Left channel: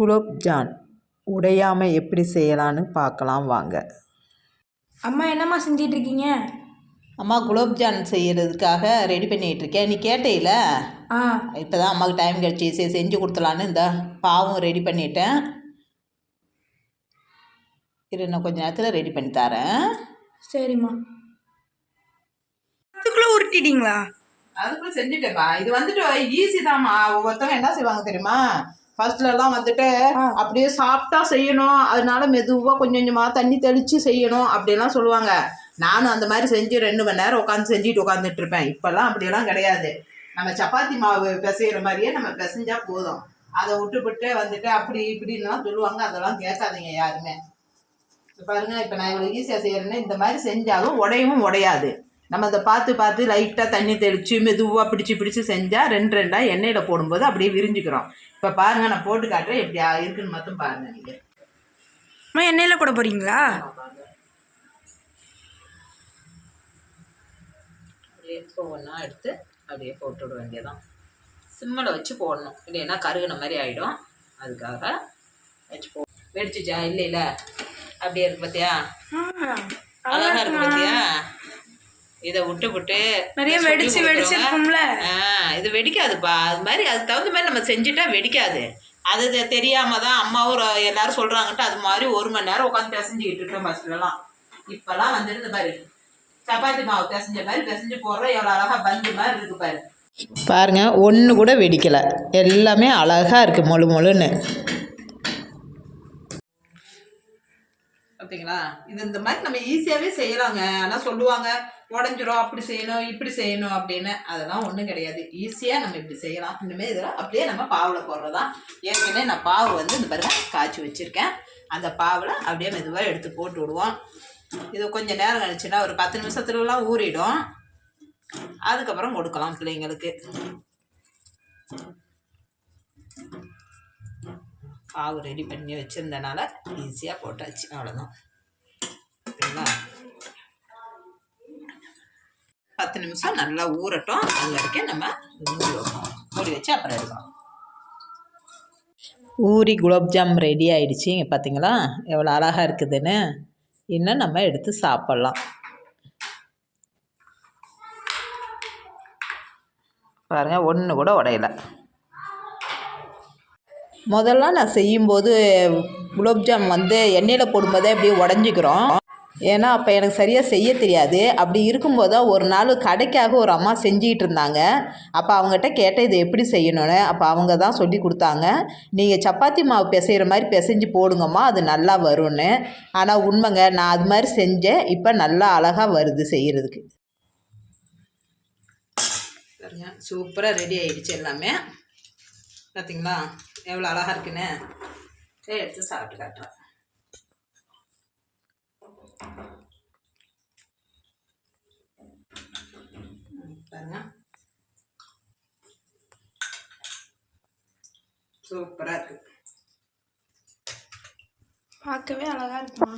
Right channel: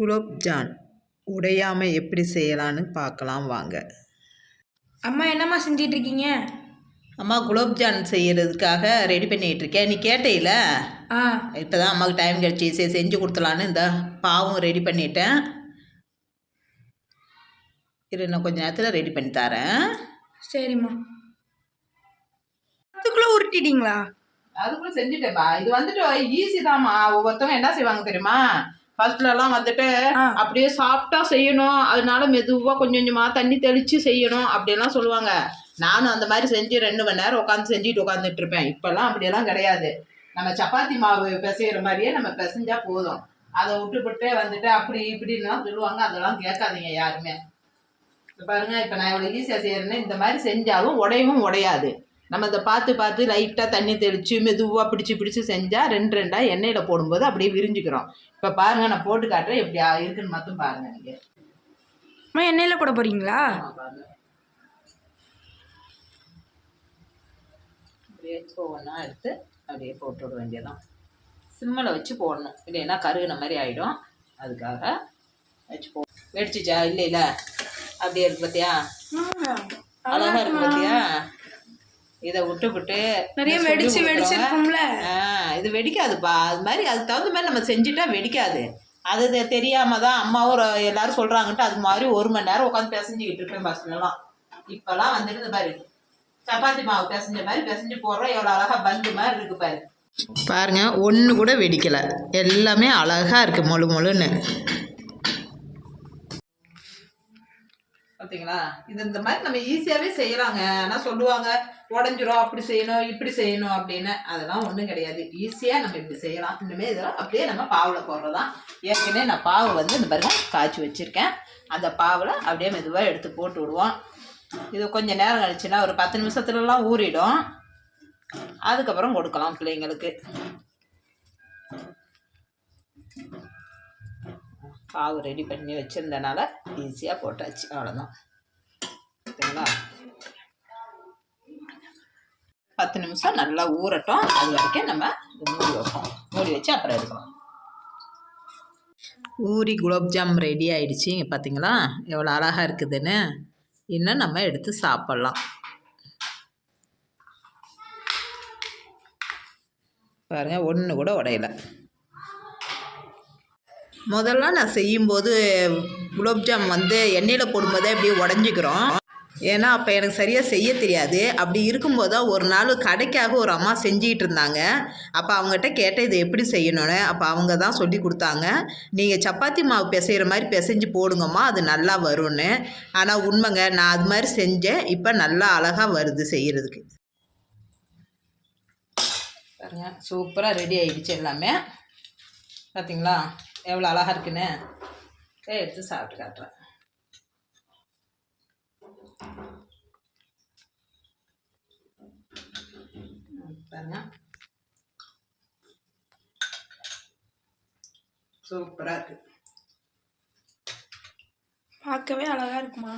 குலோப்ஜான் உடையாமல் எப்படி செய்யலான்னு பார்க்கலாம் வாங்க. அம்மா என்னம்மா செஞ்சிட்ருக்கீங்க? அம்மா குலோப்ஜான் செய்கிறதுக்காக ரெடி பண்ணிகிட்ருக்கேன். நீ கேட்டேல, இப்போ தான் அம்மாவுக்கு டைம் கிடச்சி சரி செஞ்சு கொடுத்துலான்னு இந்த பாவும் ரெடி பண்ணிட்டேன். இது இன்னும் கொஞ்சம் நேரத்தில் ரெடி பண்ணி தரேன். சரிம்மா. அதுக்குள்ளே உருட்டிட்டீங்களா? அதுக்குள்ளே செஞ்சுட்டேப்பா. இது வந்துட்டு ஈஸி தான்மா. ஒவ்வொருத்தவங்க என்ன செய்வாங்க தெரியுமா, ஃபர்ஸ்ட்லலாம் வந்துட்டு அப்படியே சாஃப்டாக செய்யணும், அதனால மெதுவாக கொஞ்சம் கொஞ்சமாக தண்ணி தெளித்து செய்யணும் அப்படிலாம் சொல்லுவாங்க. நானும் அந்த மாதிரி செஞ்சு 2 மணி நேரம் உட்காந்து செஞ்சுட்டு உட்காந்துட்டு இருப்பேன். இப்போல்லாம் அப்படியெல்லாம் கிடையாது. நம்ம சப்பாத்தி மாவு பிசைகிற மாதிரியே நம்ம பிசைஞ்சா போதும். அதை விட்டுவிட்டு வந்துட்டு அப்படி இப்படின்லாம் சொல்லுவாங்க. அதெல்லாம் கேட்காதீங்க யாருமே. இப்போ பாருங்கள், இப்போ நான் எவ்வளோ ஈஸியாக செய்கிறேன்னு இந்த மாதிரி செஞ்சாலும் உடையவும் உடையாது. நம்ம அதை பார்த்து பார்த்து லைட்டாக தண்ணி தெளித்து மெதுவாக பிடிச்சி செஞ்சால் 2 எண்ணெயில் போடும்போது அப்படியே விரிஞ்சுக்கிறோம். இப்போ பாருங்கள், நான் போட்டு காட்டுறேன் எப்படி இருக்குன்னு மட்டும் பாருங்கள். நீங்கள் எண்ணெயில் போட போகிறீங்களா? அப்படியே ஒவ்வொன்றா எடுத்து அப்படியே போட்டு விட வேண்டியதான். சிம்மில் வச்சு போடணும், இல்லைன்னா கருகுன மாதிரி ஆகிடும். அதுக்காக வச்சு வெடிச்சிச்சா? இல்லை அப்படியே இருக்கு பார்த்தியா? அழகாக இருக்கு பார்த்தியா? இதை விட்டு நிறைய வெடிச்சிருக்கும்ல. இது வெடிக்காதுப்பா. அது மாதிரி அதுக்கு தகுந்த மாதிரி நம்ம செஞ்சுட்டா வெடிக்காது. அது தெரியாமல் தான் அம்மாவும் எல்லாரும் சொல்கிறாங்கன்ட்டு அது மாதிரி 1 மணி நேரம் உட்காந்து பிசைஞ்சிக்கிட்டு இருக்கேன் ஃபஸ்ட்லலாம். இப்போல்லாம் வந்துட்டு இந்த பாரு சப்பாத்தி மாவு பிசைஞ்ச மாதிரி பிசைஞ்சு போடுறோம். எவ்வளோ அழகாக பந்து மாதிரி இருக்குது பாரு. பாருங்க, ஒன்று கூட வெடிக்கலை, எல்லாமே அழகாக இருக்குது மொழு மொழுன்னு. பார்த்தீங்களா? இது இந்த மாதிரி நம்ம ஈஸியாகவே செய்யலாங்க. ஆனால் சொல்லுவாங்க உடஞ்சிரும், அப்படி செய்யணும் இப்படி செய்யணும் அப்படின்னு. அதெல்லாம் ஒன்றும் கிடையாது. ஈஸியாக நம்ம இப்படி செய்யலாம். இனிமேல் இதெல்லாம் அப்படியே நம்ம பாவில் போடுறதான். ஏற்கனவே நான் பாவு வந்து இந்த பாருங்க காய்ச்சி வச்சுருக்கேன். அந்த பாவில் அப்படியே மெதுவாக எடுத்து போட்டு விடுவோம். இது கொஞ்சம் நேரம் கழிச்சுன்னா ஒரு 10 நிமிஷத்துலலாம் ஊறிடும். அதுக்கப்புறம் கொடுக்கலாம் பிள்ளைங்களுக்கு. பாவு ரெடி பண்ணி வச்சுருந்தனால ஈஸியாக போட்டாச்சு, அவ்வளோதான். சரிங்களா? 10 நிமிஷம் நல்லா ஊறட்டும். அது வரைக்கும் நம்ம மூடி வைப்போம். மூடி வச்சு அப்புறம் எடுக்கலாம். ஊறி குலோப்ஜாம் ரெடி ஆகிடுச்சி. இங்கே பார்த்தீங்களா எவ்வளோ அழகாக இருக்குதுன்னு. இன்னும் நம்ம எடுத்து சாப்பிட்லாம். பாருங்கள், ஒன்று கூட உடையலை. முதல்ல நான் செய்யும்போது குலோப்ஜாம் வந்து எண்ணெயில் போடும்போதே அப்படியே உடஞ்சிக்கிறோம். ஏன்னா அப்போ எனக்கு சரியாக செய்ய தெரியாது. அப்படி இருக்கும்போது தான் ஒரு நாள் கடைக்காக ஒரு அம்மா செஞ்சிகிட்டு இருந்தாங்க. அப்போ அவங்ககிட்ட கேட்டேன் இது எப்படி செய்யணும்னு. அப்போ அவங்க தான் சொல்லி கொடுத்தாங்க, நீங்கள் சப்பாத்தி மாவு பிசைகிற மாதிரி பிசைஞ்சு போடுங்கம்மா, அது நல்லா வரும்னு. ஆனால் உண்மைங்க, நான் அது மாதிரி செஞ்சேன். இப்போ நல்லா அழகாக வருது செய்கிறதுக்கு. பாருங்க, சூப்பராக ரெடி ஆகிடுச்சு எல்லாமே. பார்த்தீங்களா எவ்வளோ அழகாக இருக்குன்னு. எடுத்து சாப்பிட்டு காட்டுறேன். பாருங்க, சூப்பராக இருக்கு. பார்க்கவே அழகாக இருக்குமா?